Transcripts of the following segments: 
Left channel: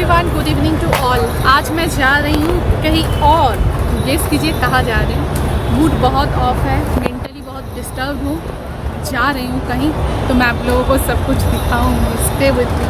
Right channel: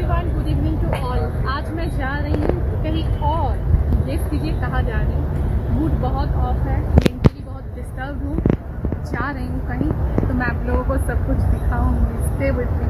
Everyone, good evening to all. आज मैं जा रही हूँ कहीं और। गेस कीजिए कहाँ जा रही हूँ। मूड बहुत ऑफ है, मेंटली बहुत डिस्टर्ब हूँ। जा रही हूँ कहीं, तो मैं आप लोगों को सब कुछ दिखाऊंगी। Stay with me.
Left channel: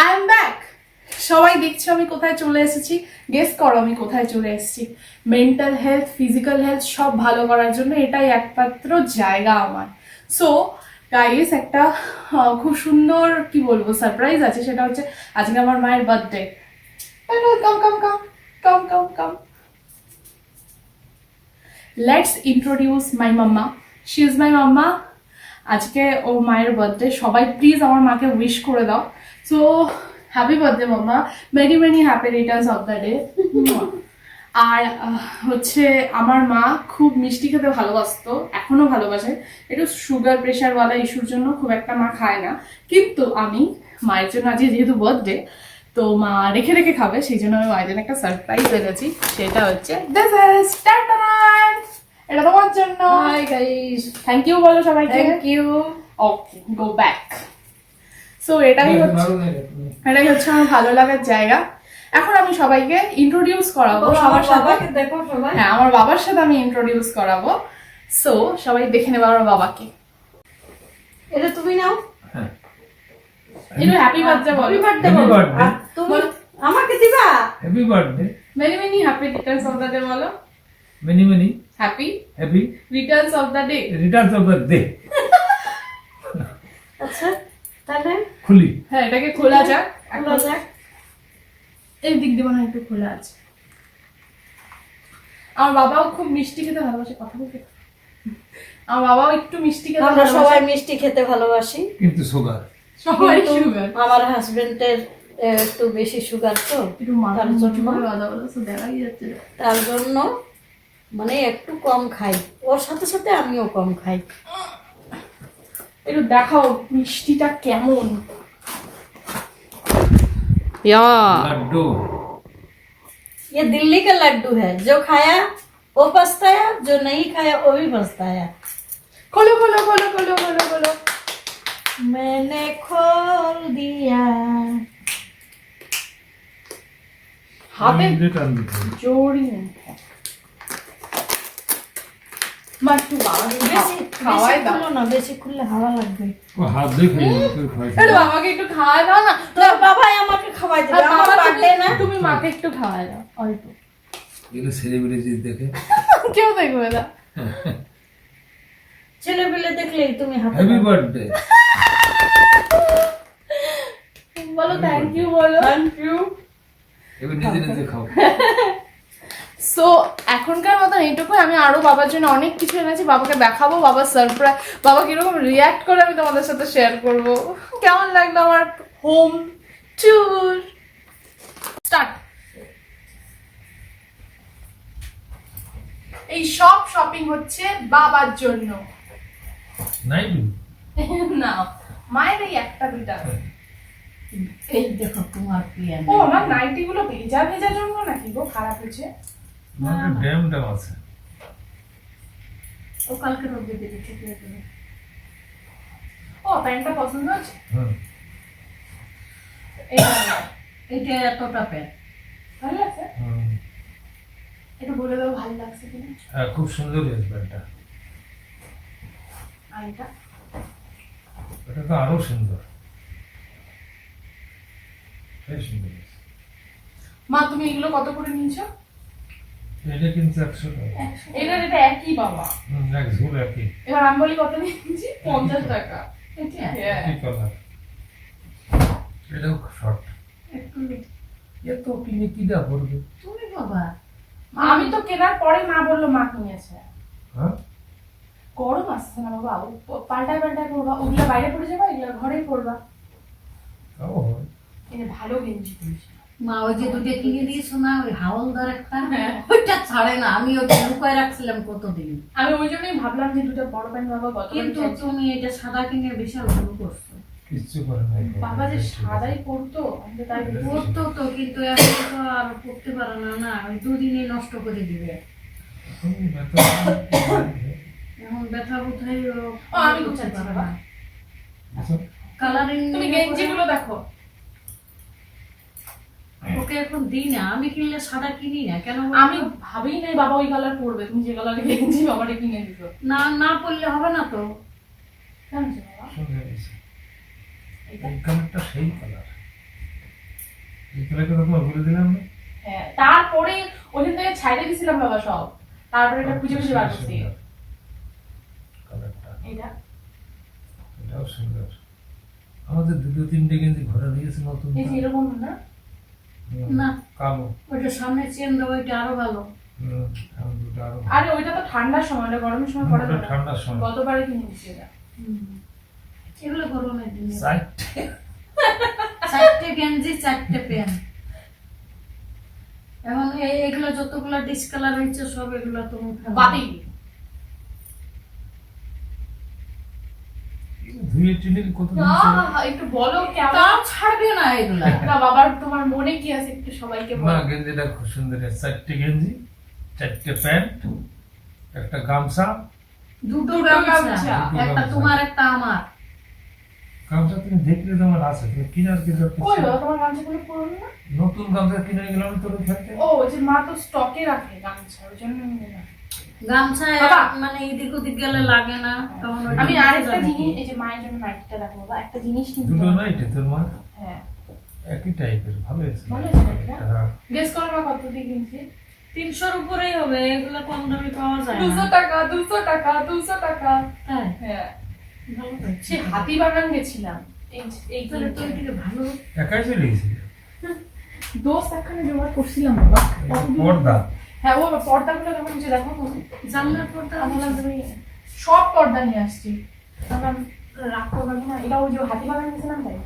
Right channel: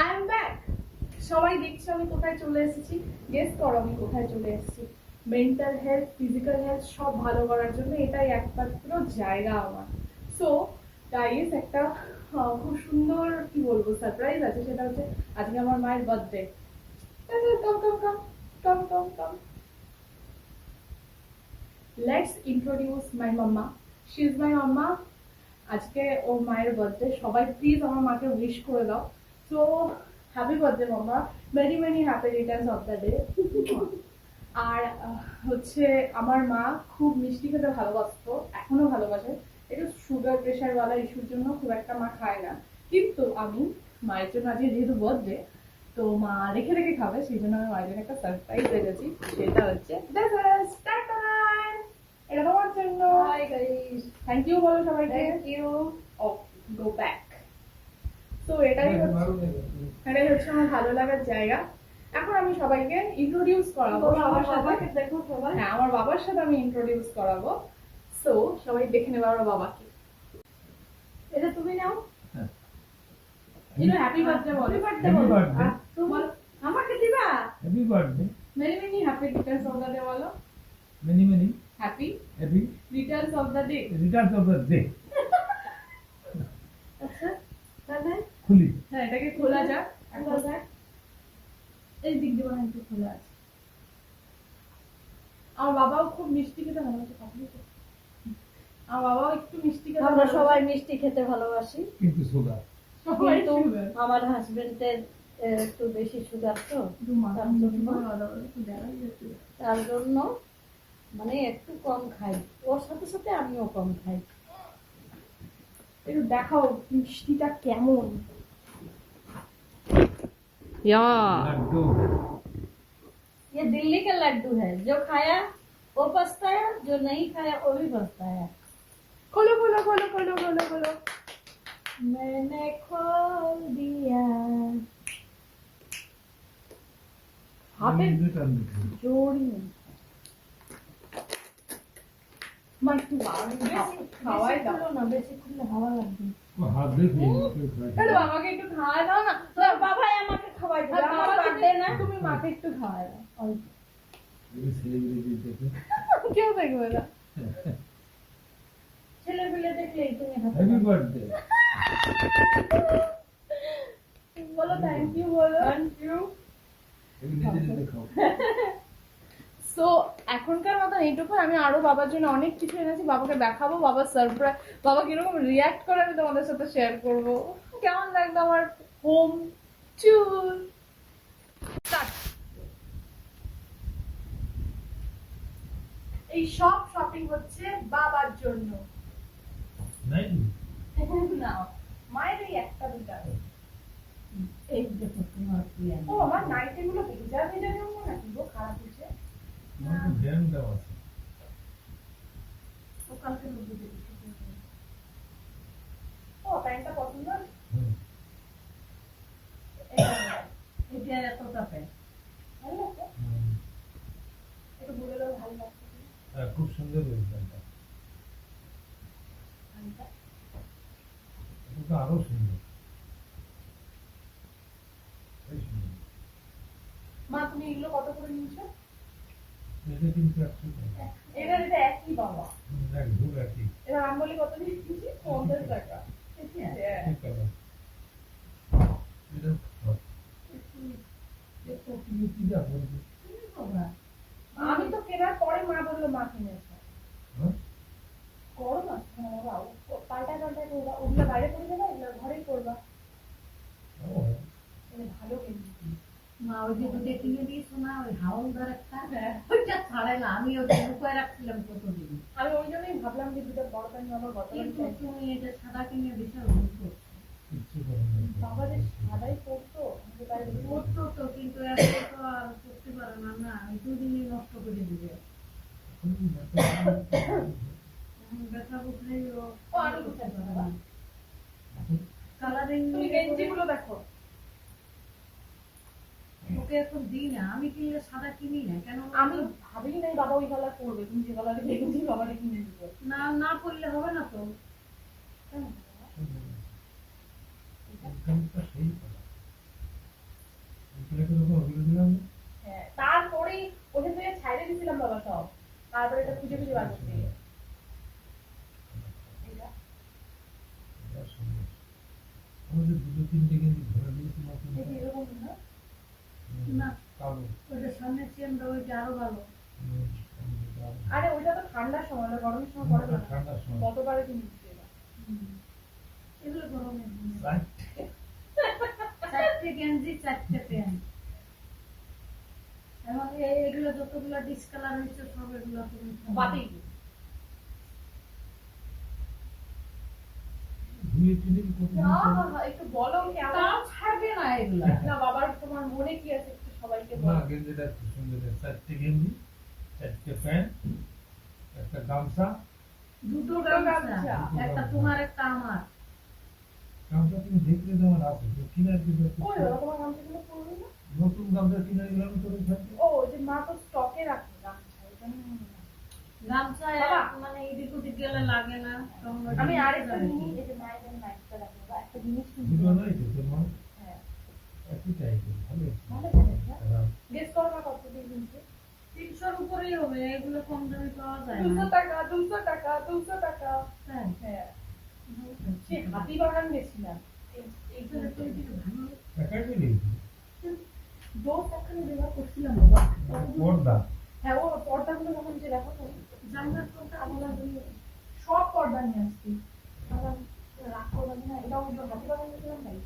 I am back. সবাই দেখছো আমি কোথায় চলে এসেছি। গেস করো আমি কোথায় চলে এসেছি। মেন্টাল হেলথ, ফিজিক্যাল হেলথ সব ভালো করার জন্য এটাই একমাত্র জায়গা আমার। সো গাইস, একটা খুব সুন্দর কি বলবো সারপ্রাইজ আছে। সেটা হচ্ছে আজকে আমার মায়ের birthday. Come come come come come come let's introduce my mamma. She is my mamma. আজকে ও মায়ের বার্থডে। সবাই প্লিজ আমার মাকে উইশ করে দাও। So happy birthday mamma, many many happy returns of the day. আর হচ্ছে আমার মা খুব মিষ্টি খেতে ভালোবাসতো, এখনো ভালোবাসে। একটু সুগার প্রেশারওয়ালা ইস্যুর জন্য খুব একটা মা খায় না। কিন্তু আমি মায়ের জন্য আজকে যেহেতু বার্থডে, তো মা রেখে রেখে খাবে, সেই জন্য আমি মায়ের জন্য একটা সারপ্রাইজ এনেছি। সেটা হচ্ছে দিস ইজ টাটান। এটা তোমার জন্য। হাই গাইস, থ্যাংক ইউ বলো সবাইকে। Thank you. Okay, go back. So এটাই হচ্ছে আমার ভালো লাগার জায়গা। এখন আমি সবাইকে ইন্ট্রোডিউস করাবো সবার সাথে। দেখো সবাই। হ্যাঁ, আমার বাবার সাথে আমি ইন্ট্রোডিউস করাবো। সো সবাই দেখে নেবে আমার বাবাকে। এটা তুমি নাও। একটু হ্যাপি বার্থডে বলো। হ্যাপি বার্থডে Happy বলো। birthday. আর তুমি আমাকে দিবা। Happy birthday. Many many happy returns of the day বলো। Many, many happy happy Returns of the day. returns of the day. আচ্ছা, তাহলে খুলি। হ্যাঁ, এটাকে খোলা যাক। খোলা যাক। এই দিক দিয়ে মনে হয় একটু খোলা আছে। আমার বাবাও খুব মিষ্টি খেতে ভালোবাসে। কথা বলতে আমার বাবাও একটু মিষ্টি খেতে আমরা সবাই ভালোবাসে। মিষ্টি খেতে ভালোবাসি। কিন্তু সুগার। সবাই কিন্তু সুগার। আমার হাজবেন্ডের একটু বেশি সুগার, তো একটু মাথা তার জন্য করে কথা বলো, তো দেখাই যাচ্ছে। তার জন্য মানে একটু কম খাই। ওর সাথে সাথে আমিও কম খাই। একটু দেখাও মিষ্টিটা কেমন। লাড্ডু। ये दिल्ली का लड्डू है, जो खाया वो पछताया, जो नहीं खाया वो भी पछताया। খোলো খোলো খোলো খোলো খোলো খোলো। मैंने खोल दिया। হাতে রিটার্ন দিতে। জোরই নেই। মা একটু বাবাকে বেশি খাওয়াই দাও। খুলো না, বেশি খুললে হাওয়া লাগবে। ও হাত দিয়ে খেয়ে কেউ খায়। আরে বাবাকে একটু খাওয়াই দাও না। তোর বাবাই আমাকে খাওয়াই আর দিবে, আমার বাবা বার্থডে না। তুমি মাকে একটু খাওয়াই দাও অল্প। এগুলো সেলিব্রিটি দেখে। কেউ দেখবে না। ছেলে পেলে দেখলেই তুমি হাতে হ্যাপি বার্থডে। বলো থ্যাংক ইউ বলো। Thank you. এবার নিজে নিজে খাও। সো এখনকার মতন এইটুকু। আমি আরো বাবার জন্য অনেক কিছু এনেছি, বাবাকে দেখাবো। বাবার সারপ্রাইজ, বাবা কিরকম রিয়াক্ট করে আমি তোমাদের সাথে শেয়ার করব। কেমন লাগলো আমার হোম ট্যুর। স্টার্ট। এই সব শপিং হচ্ছে বাবার জন্য। নাই না, মায়ের এই একটা দুইটা। এই দেখো তোমার প্রিয়া। ও আমার নাইটি গুলো ভেজা ভেজা জন্য নাকি গো খারাপ হয়েছে। আমার ড্যাম ড্যাম আছে। ও কালকে রোদ দিয়ে দিতে হবে। ও প্যান্টটা পছন্দ আছে। হুম। এটা এতটা প্যান্ট ভালো লাগছে। হুম। একটু বলে দাও ভালো লাগছে কিনা। হ্যাঁ, খুব সুন্দর এই প্যান্টটা। আর এটা এটা তো আরো সুন্দর। বেশ সুন্দর। মা তুমি এগুলো কত করে নিয়েছো? এটা কিন্তু 100 টাকা। এটা একই বাবা। এক ঝুল একই। এবার আমি বলি কত নিয়েছি? 50 টাকা। হ্যাঁ। কি কালার? এটাও শর্ট। একটু এ তো কিনে কি দা পড়বে? তুমি বাবা। আমি তো কেনার পরে মা বললো মা কিনেছে। হ্যাঁ গরম আসছে না বাবা, পাল্টায় পাল্টায় পড়বা, ওগুলা বাইরে পড়ে যাবা, এগুলা ঘরেই পড়বা। তাও হয়। এই যে ভালো গেঞ্জি দিয়েছে। মা ওই যে দুটো কিনে দিয়েছো না, ওই হাওলদার একটা, হ্যাঁ। ওইটা ছাড়ে না। আমি ওটা লুকায় রাখছিলাম কতদিন, আমি ওই জন্যই ভাবলাম যে দুটো বড় প্যান্ট বাবা গত কিন্তু তুমি এটা সাদা কিনে বিশাল ভুল করছো। কিচ্ছু করে নাই। বাবা যে সাদাই পড়তো, আমি তো তাই বলছি। পড়তো তো, কিন্তু এখন তো আর পড়তে পারে না। না, ওই দুদিনই নষ্ট করে দিবে। তুমি বেতন এখন ব্যথা বোধহয় ও, আমি বুঝতে পারবো না। কালারিং তুমি গেঞ্জিগুলো দেখো। ওকে এখন দিই না, আমি কিনলে সাদা কিনি না। কেন বলো তো? আমি ভাবিই নাই বাবা ওই কালার পরবে, তুমি যে কালার গেঞ্জি বাবারে কিনে দিত। না না পড়লে হবে না তো। কেন যে বাবা? সুন্দর হয়েছে। এটা? এই কালারটা সেই কালার। এই কালারটা তোমার বলে দিলাম না? হ্যাঁ, তারপরে ওখান থেকে ছাইড়ে দিছিলাম বাবা সব, তারপরে এটা খুঁজে খুঁজে বার করছি। কালারটা এটা এটাও সুন্দর। আমাদের দুটো তিনটে গেঞ্জি ঘরে দিয়েছে নতুন। এই যে এরকম না, না। কালো। ওইটা সামনে চেন দেবো, ওইটা আরো ভালো। এখন দুটো আরো ভালো। আরে ওইটা তো ঠান্ডার সময়, ওটা গরমের সময় পরে ওটা না। ঠান্ডার সময়। গতবারে কিনে দিছি এটা। এগুলো গরমের দিনে। চারটে। চারটে গেঞ্জি, চারটে প্যান্ট। এখন এগুলো যতগুলো ডিসকালার হয়েছে সব এগুলো তুমি বাতি ধুয়ে টিনে কত দিন না, ছিল? একটু বলো কেমন। তাও ছাড়বে না এগুলা। না বাবার তোমার মনে কি আছে একটু সবাইকে না বলো। গেঞ্জিটা খুব সুন্দর। চারটে গেঞ্জি, চারটে প্যান্ট, একটা গামছা। দুটো দুটো গামছা, গামছা। একটা তোমার একটা আমার। গামছা তুমি দেখলে তোমার আছে, তুমি কিনার কিন্তু কই বাবা তোমার গামছাগুলো পুরনো না? নতুন গামছা কিনে গেলাম তোর খেতে। ও ওই যে মা তো স্টকে রাখে গামছা, ওই জন্য আমি নিলাম। গামছা বাবা। মানে এদিক ওদিক গেলে লাগে না, তখন ওইটা আমি নিতে আরেকটা যাবে জিনিস, কি? এই যে মায়ের জন্য নাইটিটা রাখবো বাবা, একটা জিনিস কিন্তু দুটো নাইটে তোর মা হ্যাঁ, একই টাইপের, ভালো হয়েছে। ভালো হয়েছে না? হ্যাঁ। গেস করো না কত দিয়ে কিনছি? 300-র উপরেই হবে, এগুলো কম দামে পাওয়া যায় 200 না। টাকা, 200 টাকা, 200 টাকা। তাই হ্যাঁ, ভালো হয়েছে। সে হাতিবাগান গেছিলাম এই তাহলে তো এদিকে ভালো। একাই চলে গেছিল। দোস্ত একখানে জোগাড় করছিলাম বাবা। কতদিন- পর্দা। হ্যাঁ ও পর্দাগুলো কেমন যে দেখো তুমি। জানলার পর্দা আমি বললাম তুমি সব পর্দা নিয়ে আসছি, তখন রাগ করবে না। এটা ওই যে হাতিবাগান গেছিলাম তাই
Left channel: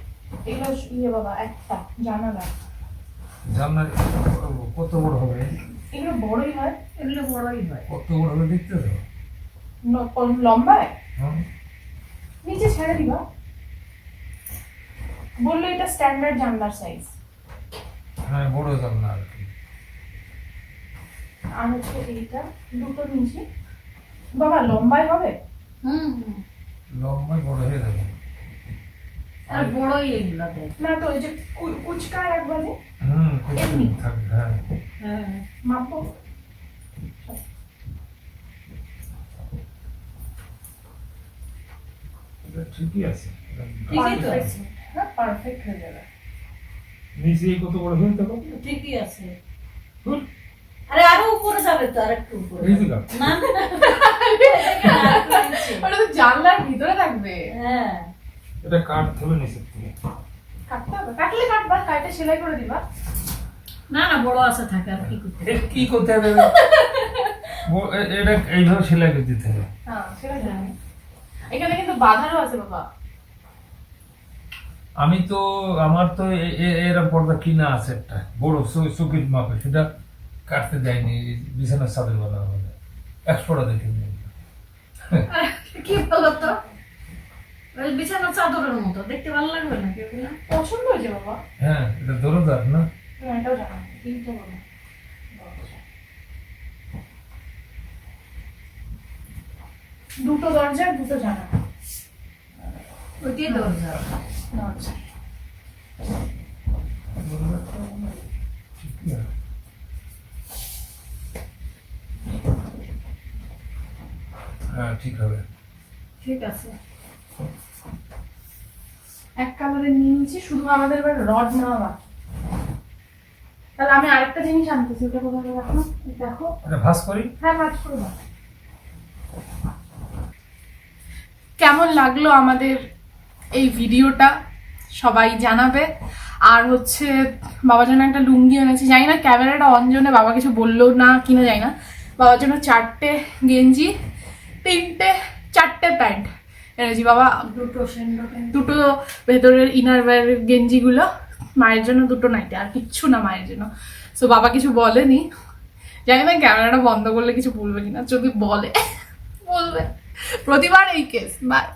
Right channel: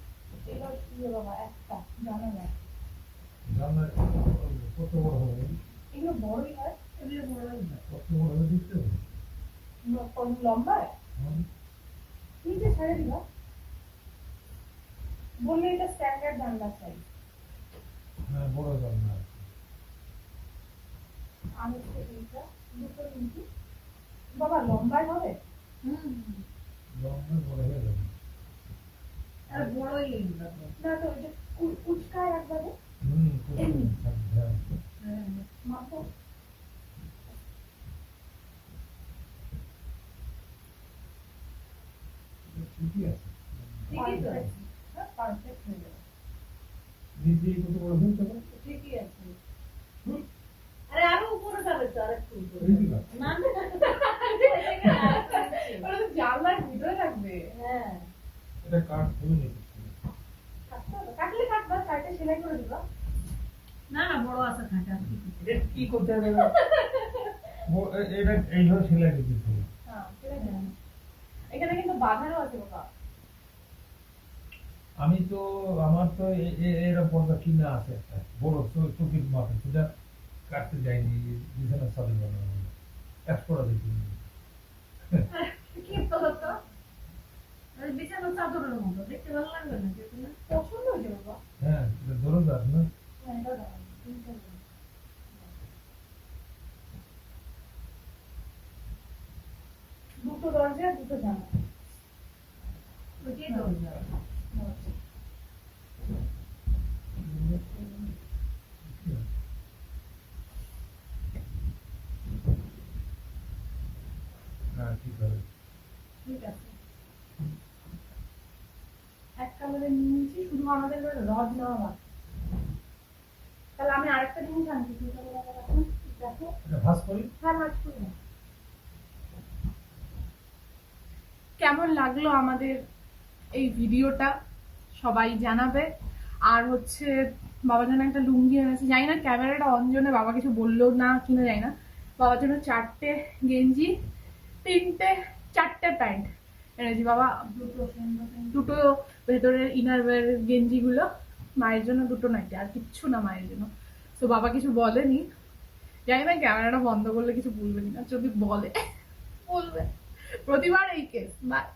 এগুলো ইয়ে বাবা একটা জানালা, জানলা কত বড় হবে? এগুলো বড়ই হয়, এগুলো বড়ই হয়। কত বড় হবে দেখতে তো। লম্বায় হ্যাঁ। নিচে ছেড়ে দিবা, বললো এটা স্ট্যান্ডার্ড জানলার সাইজ। হ্যাঁ বড় জানলা আর কি। আর হচ্ছে এইটা দুটো নিচে বাবা লম্বায় হবে হুম। লম্বায় বড় হয়ে যাবে। আর বড়ই এগুলো দেয়। না, তো ওই যে কুচকায় একবারে খুব থাকবে। হ্যাঁ হ্যাঁ। মাপো। এটা ঠিকই আছে। ঠিকই তো Perfect, আছে। হ্যাঁ পারফেক্ট হয়ে যাবে। নিচে কত বড় হয়ে দেখো। ঠিকই আছে। হুম। আরে আরো উপরে যাবে তো, আর একটু উপরে। এই দিকে। না না, ওইদিকে না, আরেকটু নিচে। ওটা তো জানলার ভিতরে থাকবে। হ্যাঁ। এটা কাট হবে নিচে থেকে। কাটতে হবে, কাটলে কাটবা, কাটে সেলাই করে দিবা। না না, বড় আছে থাকে, আর কি করতে। এর কি করতে হবে? এটা এইভাবে সেলাই করে দিতে হবে। হ্যাঁ সেলাই করে দিবা। এখানে কিন্তু বাঁধারও আছে বাবা। আমি তো আমার তো এরকম পর্দা কিনা আছে একটা বড় চকির মাপে, সেটা কাটতে দেয়নি। বিছানার চাদর বানানো হলে 100 টাকা দেখে নিয়ে। আর কি বলো তো, ওই বিছানার চাদরের মতো দেখতে ভালো লাগবে না কি না? পছন্দ হয়েছে বাবা। হ্যাঁ এটা দরজার না। হ্যাঁ এটাও জানা, এইটা বাবা। দুটো দরজা আর দুটো জানা। ওইটাই দরজা। আচ্ছা ঠিকই আছে। হ্যাঁ ঠিক হবে। ঠিক আছে। এক কালারে নিয়ে নিচ্ছি, শুধু আমাদের এবার রড নেওয়া বাকি। তাহলে আমি আরেকটা জিনিস আনতেছি, ওটা কোথায় রাখো দেখো। এটা ভাঁজ করি। হ্যাঁ কাজ করবো। কেমন লাগলো আমাদের এই ভিডিওটা সবাই জানাবে। আর হচ্ছে বাবার জন্য একটা লুঙ্গি এনেছি, জানি না ক্যামেরাটা অন জন্য বাবা কিছু বললো না কিনা জানি না। বাবার জন্য 4টে গেঞ্জি, 4টে প্যান্ট এনেছি। বাবা দুটো ভেতরের ইনারওয়্যার গেঞ্জিগুলো, মায়ের জন্য 2টো নাইটি, আর কিচ্ছু না মায়ের জন্য। সো বাবা কিছু বলেনি, জানি না ক্যামেরাটা বন্ধ করলে কিছু বলবে কিনা, যদি বলে বলবে। প্রতিবার এই কেস। বাই।